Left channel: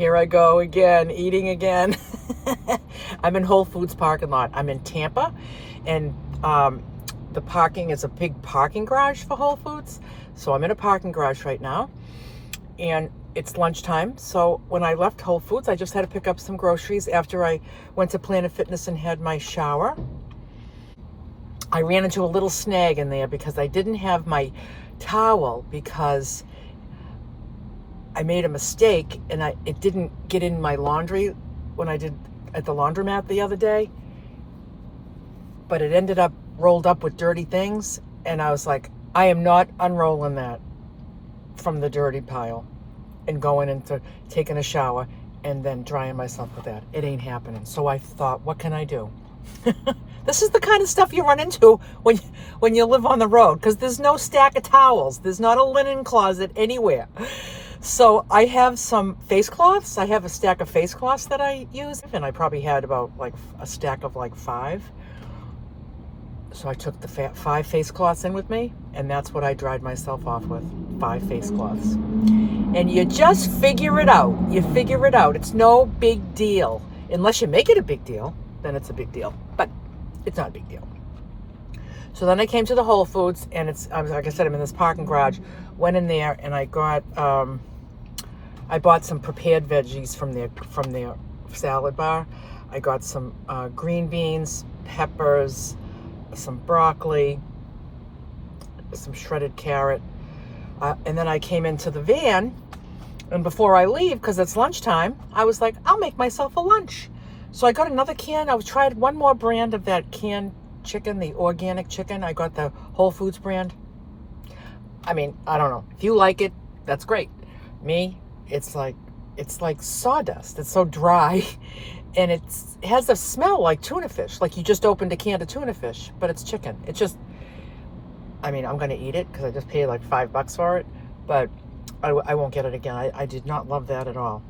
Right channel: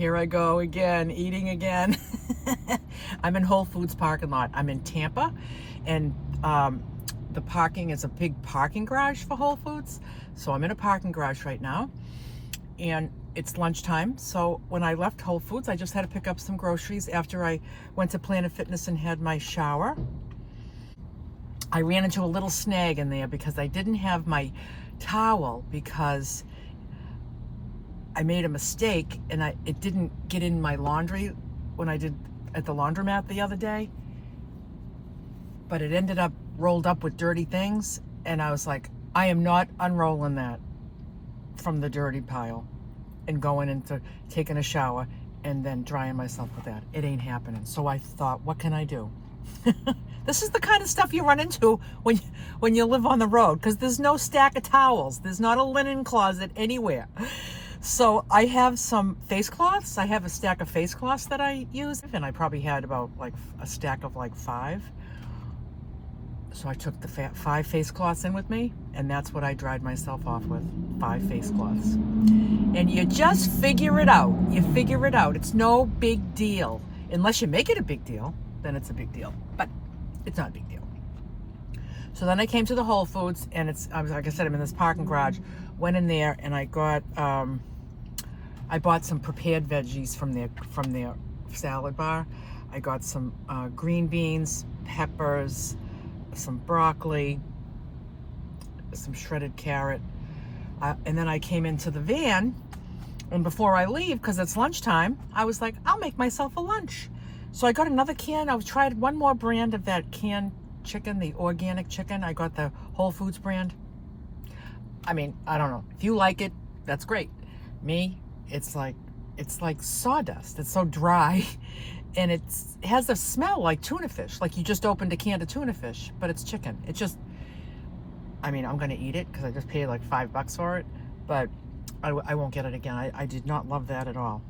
Here I go again, eating again. I'm in Whole Foods parking lot. I'm in Tampa, and the parking is a big parking garage for Whole Foods. So I'm in a parking garage right now, and it's lunchtime. So when I left Whole Foods, I just had to pick up some groceries after I went to Planet Fitness and had my shower. I ran into a little snag in there because I didn't have my towel, because I made a mistake and it didn't get in my laundry when I did at the laundromat the other day, but it ended up rolled up with dirty things, and I was like, I am not unrolling that from the dirty pile and going into taking a shower and then drying myself with that. It ain't happening. So I thought, what can I do? This is the kind of stuff you run into when you live on the road, because there's no stack of towels. There's not a linen closet anywhere. So I have some face cloths. I have a stack of face cloths that I use, and I probably had about like a stack of like 5. So I took the 5 face cloths in with me, and that's what I dried myself off with, 5 face cloths. And you just figure it out. You figure it out. It's no big deal. Unless you make it a big deal, then it's a big deal. But it's not a big deal. So then I came to the Whole Foods, and like I said, I'm in this parking garage. Went in there, and I got, I bought some prepared veggies from their salad bar. I got some green beans, peppers, some broccoli, some shredded carrot, and then I came into the van, and before I leave, because it's lunchtime, I was like, I'll make myself a lunch. So I got another can. I tried one more brand of that canned chicken, the organic chicken. I got the Whole Foods brand. I mean, I don't know. If you like it, that's great. Me, it's like sawdust. It's so dry, and it has a smell like tuna fish, like you just opened a can of tuna fish, but it's chicken. It's just, I mean, I'm gonna eat it because I just paid like $5 for it, but I won't get it again. I did not love that at all.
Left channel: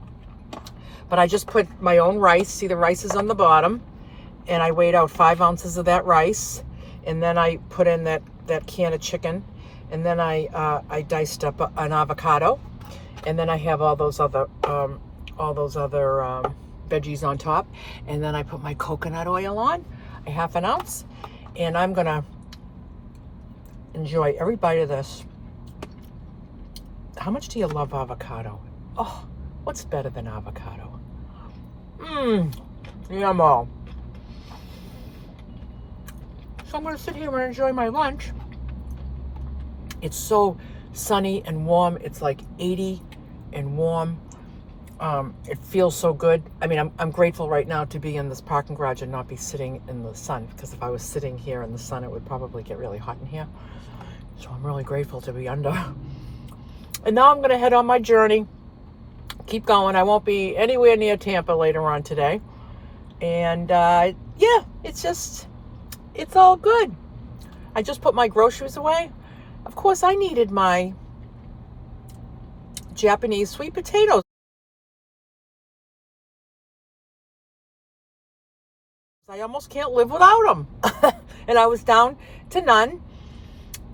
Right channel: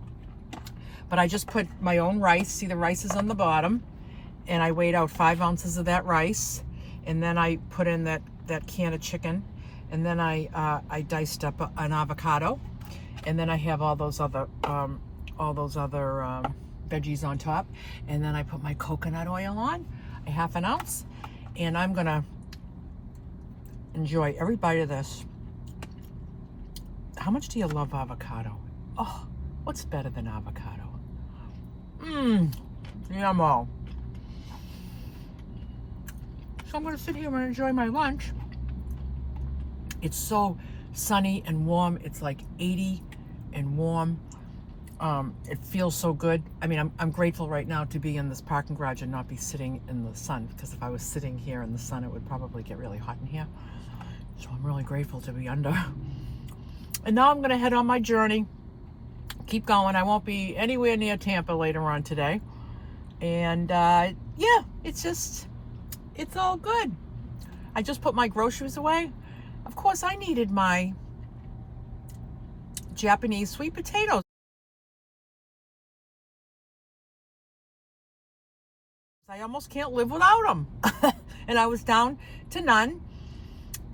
But I just put my own rice. See, the rice is on the bottom, and I weighed out 5 ounces of that rice, and then I put in that can of chicken, and then I diced up an avocado, and then I have all those other veggies on top, and then I put my coconut oil on, a half an ounce, and I'm gonna enjoy every bite of this. How much do you love avocado? Oh, what's better than avocado? Yummo. So I'm gonna sit here and enjoy my lunch. It's so sunny and warm. It's like 80 and warm. It feels so good. I mean, I'm grateful right now to be in this parking garage and not be sitting in the sun, because if I was sitting here in the sun, it would probably get really hot in here. So I'm really grateful to be under. And now I'm gonna head on my journey. Keep going. I won't be anywhere near Tampa later on today. And yeah, it's all good. I just put my groceries away. Of course, I needed my Japanese sweet potatoes. I almost can't live without them. And I was down to none.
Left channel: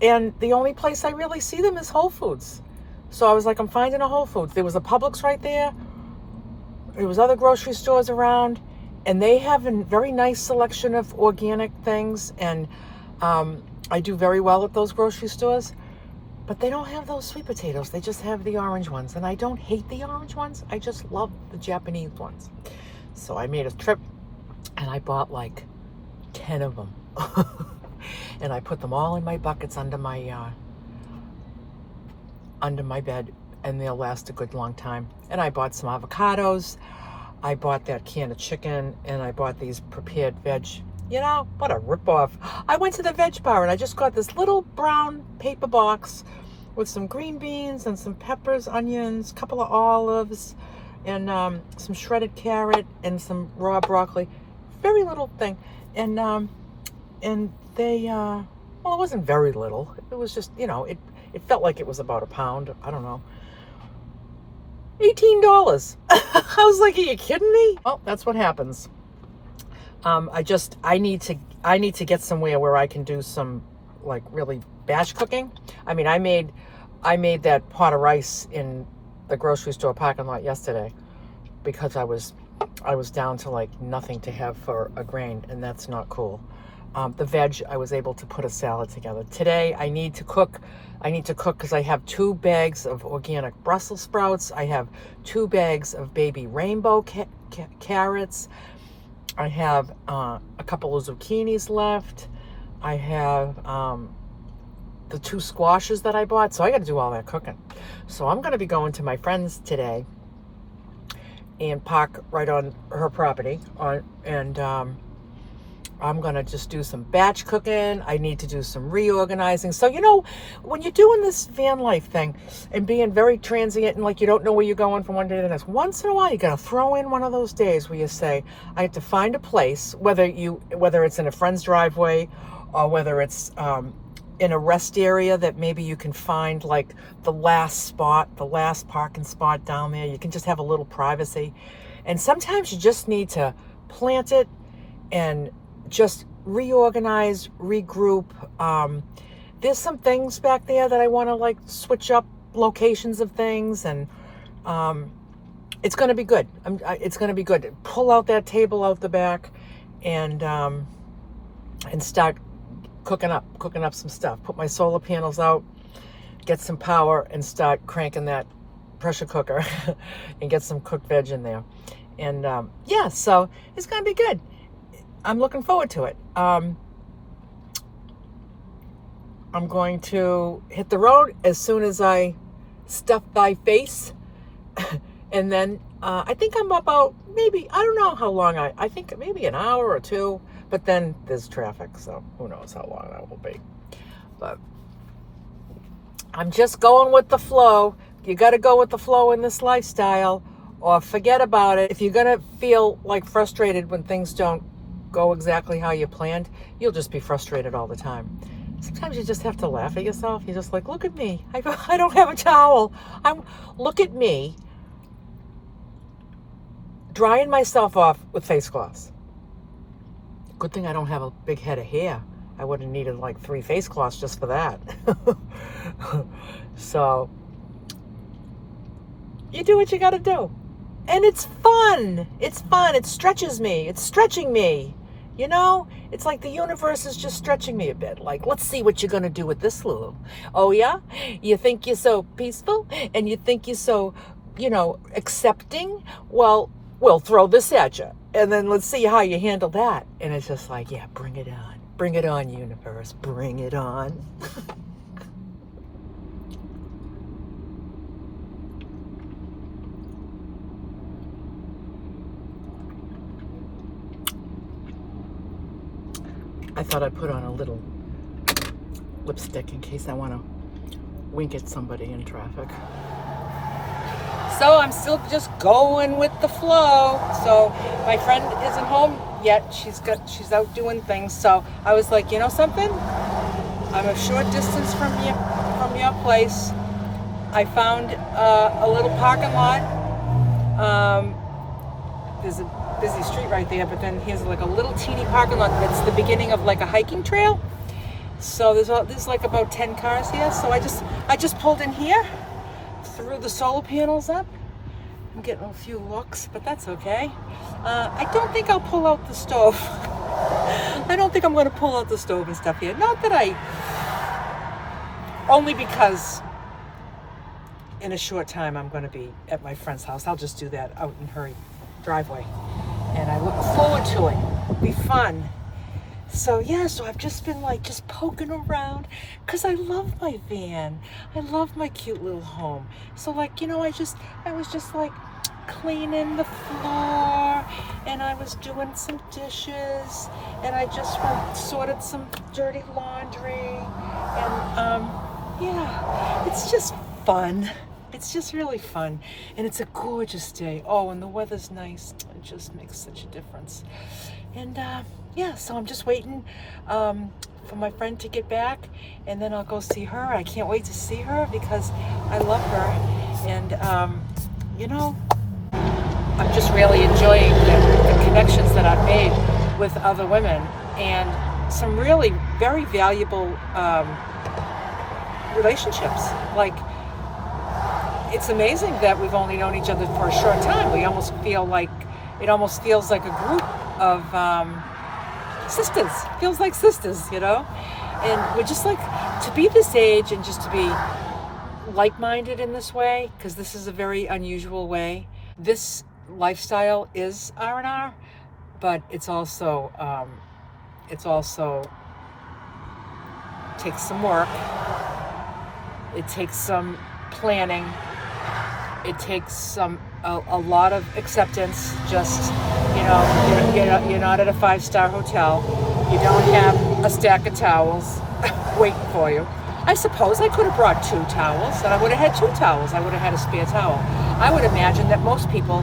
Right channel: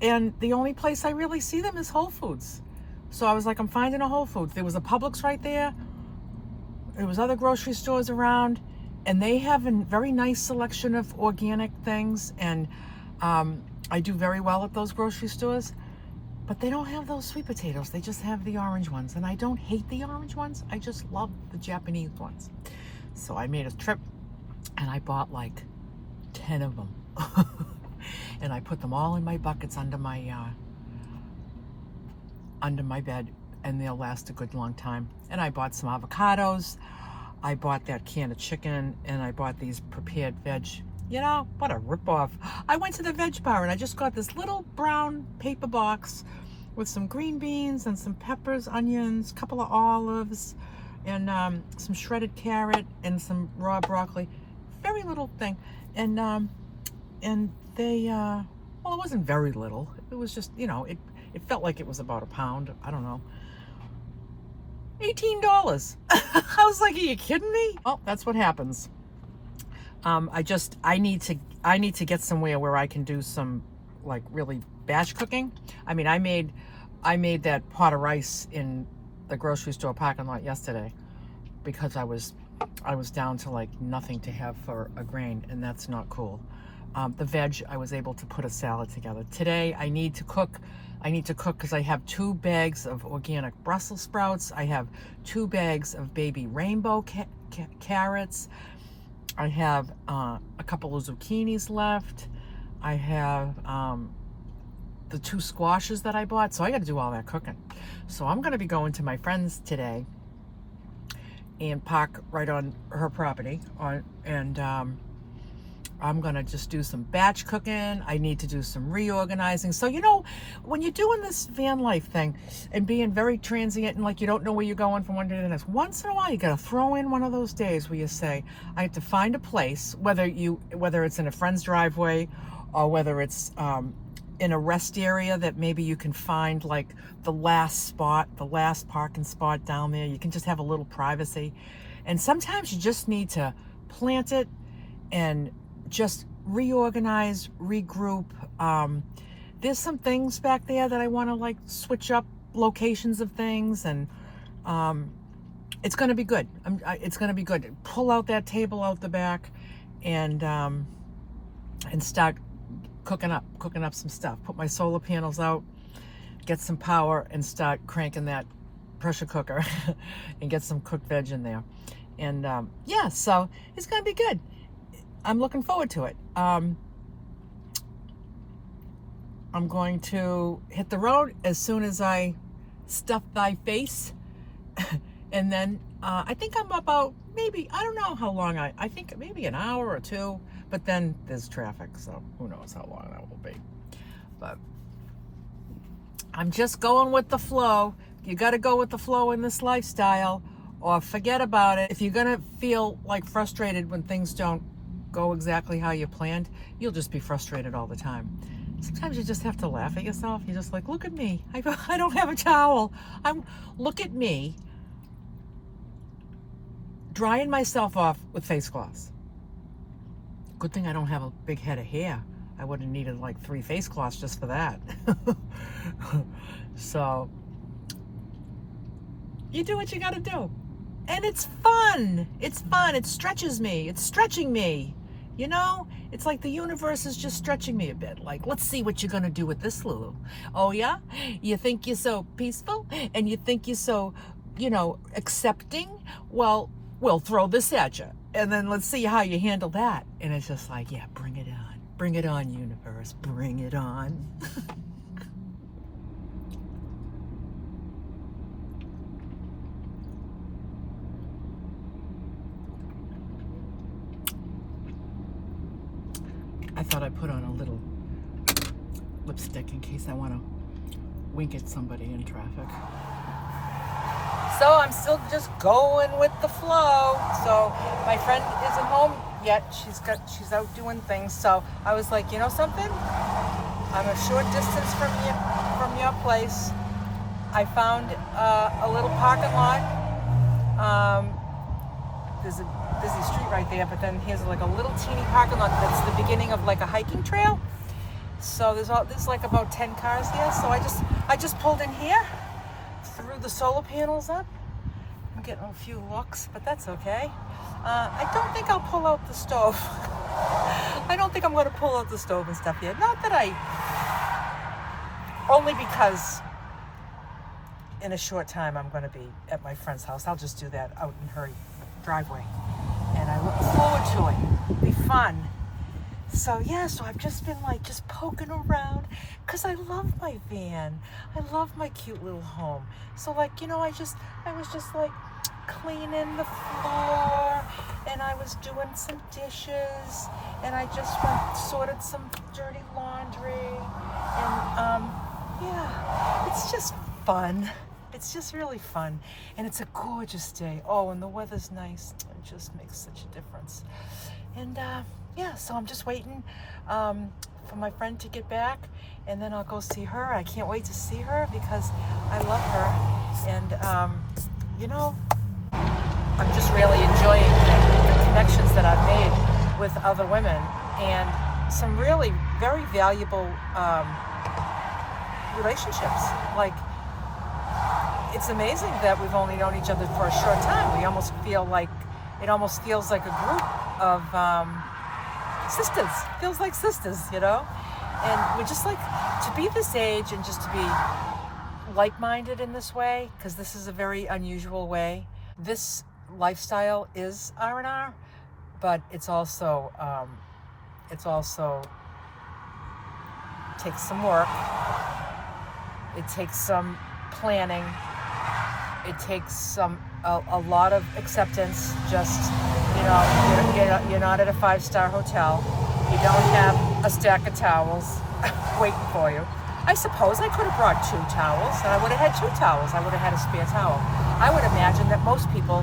And the only place I really see them is Whole Foods. So I was like, I'm finding a Whole Foods. There was a Publix right there. There was other grocery stores around, and they have a very nice selection of organic things. And I do very well at those grocery stores, but they don't have those sweet potatoes. They just have the orange ones. And I don't hate the orange ones. I just love the Japanese ones. So I made a trip, and I bought like 10 of them. And I put them all in my buckets under my bed, and they'll last a good long time. And I bought some avocados. I bought that can of chicken, and I bought these prepared veg. You know, what a ripoff. I went to the veg bar, and I just got this little brown paper box with some green beans and some peppers, onions, a couple of olives, and some shredded carrot and some raw broccoli. Very little thing. And they, well, it wasn't very little. It was just, you know, it felt like it was about a pound. I don't know. $18. I was like, are you kidding me? Well, that's what happens. I need to get somewhere where I can do some like really batch cooking. I mean, I made that pot of rice in the grocery store parking lot yesterday. because I was down to like nothing to have for a grain, and that's not cool. The veg, I was able to put a salad together. Today I need to cook because I have 2 bags of organic Brussels sprouts. I have 2 bags of baby rainbow carrots. I have a couple of zucchinis left. I have the 2 squashes that I bought. So I got to do all that cooking. So I'm going to be going to my friend's today and park right on her property I'm gonna just do some batch cooking. I need to do some reorganizing. So, you know, when you're doing this van life thing and being very transient and like you don't know where you're going from one day to the next, once in a while you gotta throw in one of those days where you say, I have to find a place, whether it's in a friend's driveway or whether it's in a rest area that maybe you can find like the last parking spot down there. You can just have a little privacy. And sometimes you just need to plant it and just reorganize, regroup. There's some things back there that I want to like switch up locations of things, and it's going to be good. It's going to be good. Pull out that table out the back and start cooking up some stuff. Put my solar panels out, get some power, and start cranking that pressure cooker and get some cooked veg in there. And yeah, so it's going to be good. I'm looking forward to it. I'm going to hit the road as soon as I stuff thy face. And then I think I'm about maybe, I don't know how long I think maybe an hour or 2, but then there's traffic, so who knows how long that will be. But I'm just going with the flow. You got to go with the flow in this lifestyle or forget about it. If you're going to feel like frustrated when things don't go exactly how you planned, you'll just be frustrated all the time. Sometimes you just have to laugh at yourself. You're just like, look at me. I don't have a towel. Look at me drying myself off with face cloths. Good thing I don't have a big head of hair. I would have needed like 3 face cloths just for that. So you do what you got to do. And it's fun. It's fun. It stretches me. It's stretching me. You know, it's like the universe is just stretching me a bit. Like, let's see what you're going to do with this, Lulu. Oh, yeah? You think you're so peaceful and you think you're so, you know, accepting? Well, we'll throw this at you. And then let's see how you handle that. And it's just like, yeah, bring it on. Bring it on, universe. Bring it on. I thought I'd put on a little lipstick in case I want to wink at somebody in traffic. So I'm still just going with the flow. So my friend isn't home yet. She's out doing things. So I was like, you know something? I'm a short distance from your place. I found a little parking lot. There's a busy street right there, but then here's like a little teeny parking lot. It's the beginning of like a hiking trail. So there's like about 10 cars here. So I just pulled in here, threw the solar panels up. I'm getting a few looks, but that's okay. I don't think I'll pull out the stove. I don't think I'm going to pull out the stove and stuff here. Not that only because in a short time I'm going to be at my friend's house. I'll just do that out in her driveway. And I look forward to it. It'll be fun. So yeah, so I've just been like just poking around because I love my van. I love my cute little home. So like, you know, I was just like cleaning the floor and I was doing some dishes and I just sorted some dirty laundry and yeah, it's just fun. It's just really fun, and it's a gorgeous day. Oh, and the weather's nice. It just makes such a difference. And yeah, so I'm just waiting for my friend to get back, and then I'll go see her. I can't wait to see her because I love her, and you know, I'm just really enjoying the connections that I've made with other women, and some really very valuable relationships. Like, it's amazing that we've only known each other for a short time. We almost feel like, it almost feels like a group of sisters. Feels like sisters, you know? And we're just like, to be this age and just to be like-minded in this way, because this is a very unusual way. This lifestyle is R&R, but it's also takes some work. It takes some planning. It takes a lot of acceptance. Just, you know, you're not at a 5-star hotel. You don't have a stack of towels waiting for you. I suppose I could have brought 2 towels, and I would have had 2 towels. I would have had a spare towel. I would imagine that most people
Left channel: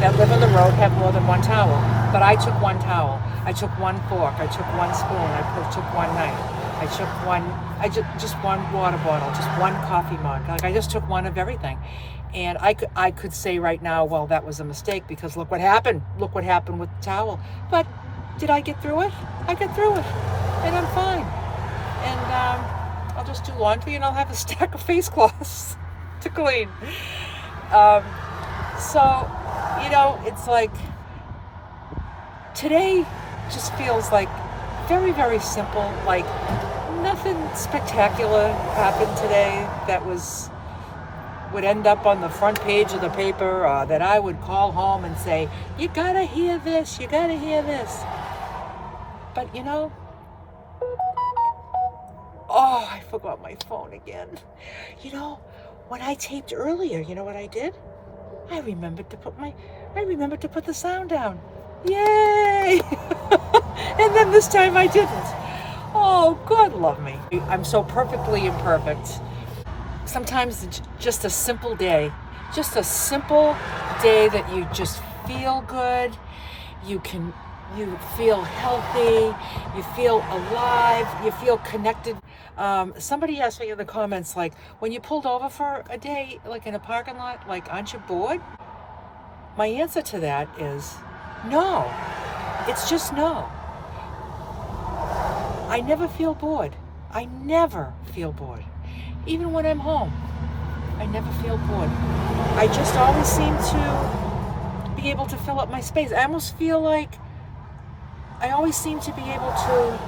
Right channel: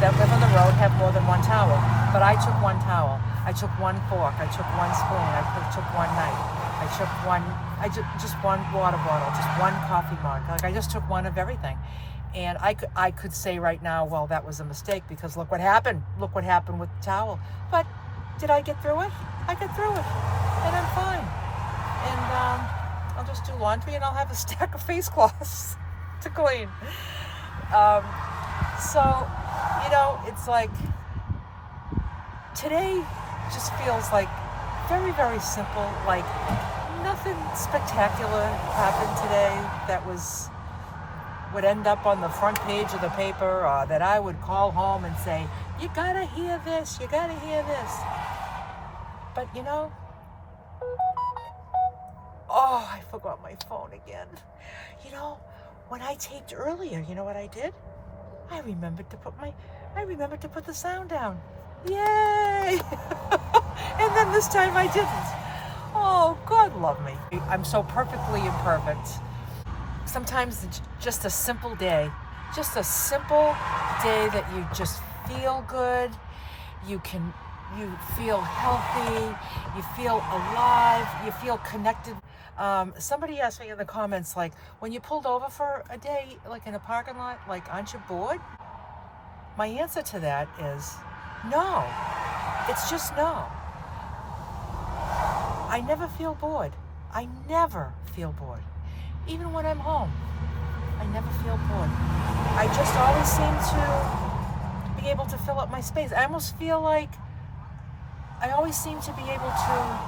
that live on the road have more than 1 towel, but I took 1 towel. I took 1 fork. I took 1 spoon. I took 1 knife. I took just 1 water bottle, just 1 coffee mug. Like, I just took 1 of everything. And I could say right now, well, that was a mistake, because look what happened. Look what happened with the towel. But did I get through it? I get through it, and I'm fine. And I'll just do laundry, and I'll have a stack of face cloths to clean. So, you know, it's like, today just feels like very, very simple. Like, nothing spectacular happened today that would end up on the front page of the paper, or that I would call home and say, you gotta hear this, you gotta hear this. But, you know, oh, I forgot my phone again. You know, when I taped earlier, you know what I did? I remembered to put the sound down. Yay! And then this time I didn't. Oh, God love me. I'm so perfectly imperfect. Sometimes it's just a simple day that you just feel good. You feel healthy, you feel alive, you feel connected. Somebody asked me in the comments, like, when you pulled over for a day, like in a parking lot, like, aren't you bored? My answer to that is no. It's just no. I never feel bored. I never feel bored. Even when I'm home, I never feel bored. I just always seem to be able to fill up my space. I almost feel like I always seem to be able to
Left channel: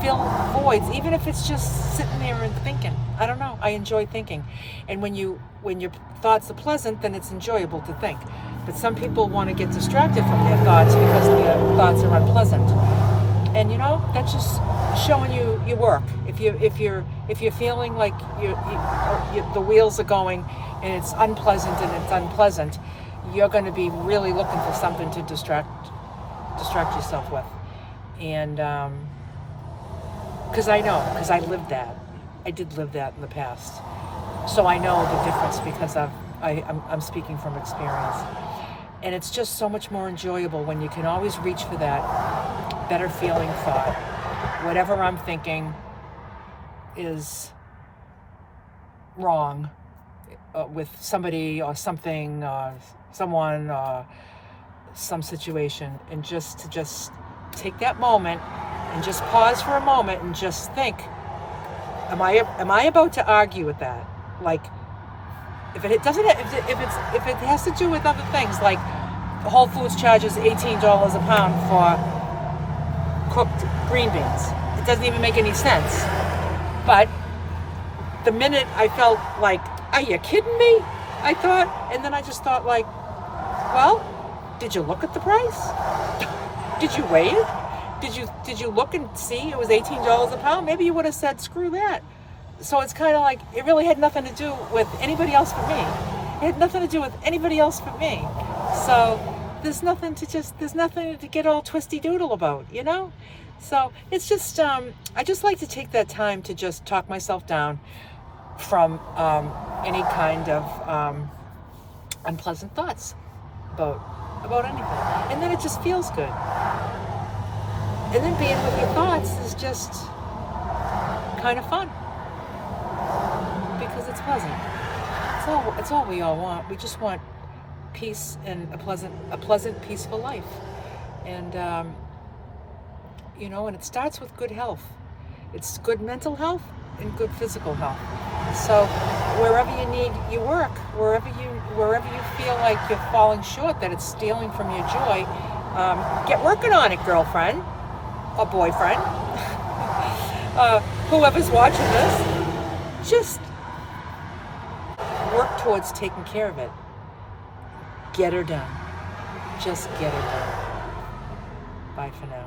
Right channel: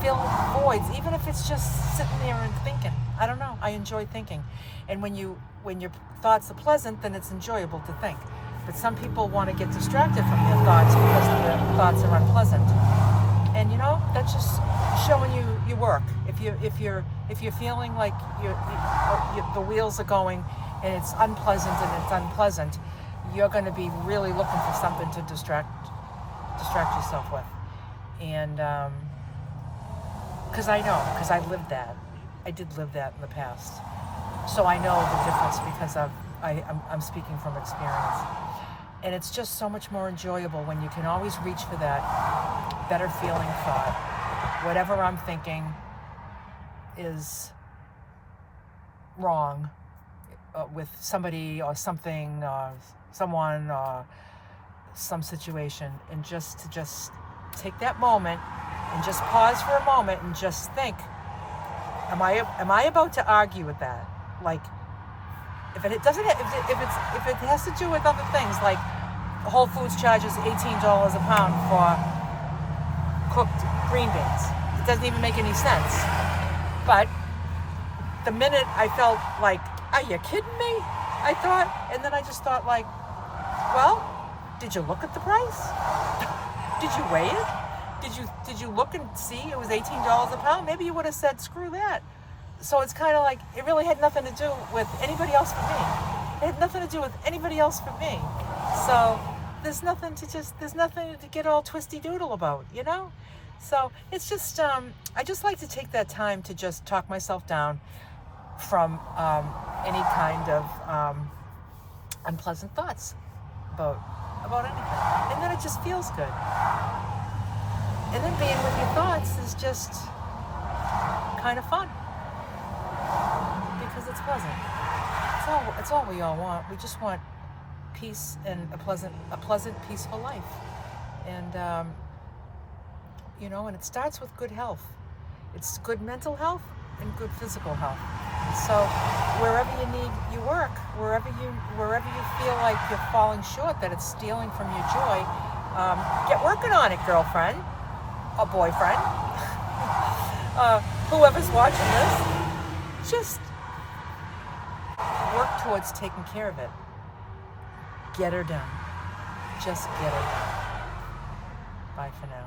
fill voids, even if it's just sitting there and thinking. I don't know. I enjoy thinking. And when your thoughts are pleasant, then it's enjoyable to think. But some people want to get distracted from their thoughts because their thoughts are unpleasant. And you know, that's just showing you your work. If you're feeling like the wheels are going and it's unpleasant you're going to be really looking for something to distract yourself with. And because I lived that. I did live that in the past. So I know the difference because I'm speaking from experience. And it's just so much more enjoyable when you can always reach for that better feeling thought. Whatever I'm thinking is wrong with somebody or something or someone or some situation, and just take that moment and just pause for a moment and just think, am I about to argue with that? Like, if it has to do with other things, like Whole Foods charges $18 a pound for cooked green beans. It doesn't even make any sense. But the minute I felt like, are you kidding me? I thought, and then I just thought, like, well, did you look at the price? Did you weigh it? Did you look and see it was $18 a pound? Maybe you would have said, screw that. So it's kind of like, it really had nothing to do with anybody else but me. It had nothing to do with anybody else but me. So there's nothing to get all twisty doodle about, you know? So it's just, I just like to take that time to just talk myself down from any kind of unpleasant thoughts about anything. And then it just feels good. And then being with your thoughts is just kind of fun. Because it's pleasant. It's all we all want. We just want peace and a pleasant, peaceful life. And you know, and it starts with good health. It's good mental health and good physical health. So wherever you need your work, wherever you feel like you're falling short, that it's stealing from your joy, get working on it, girlfriend or boyfriend. Whoever's watching this, just work towards taking care of it. Get her done. Just get her done. Bye for now.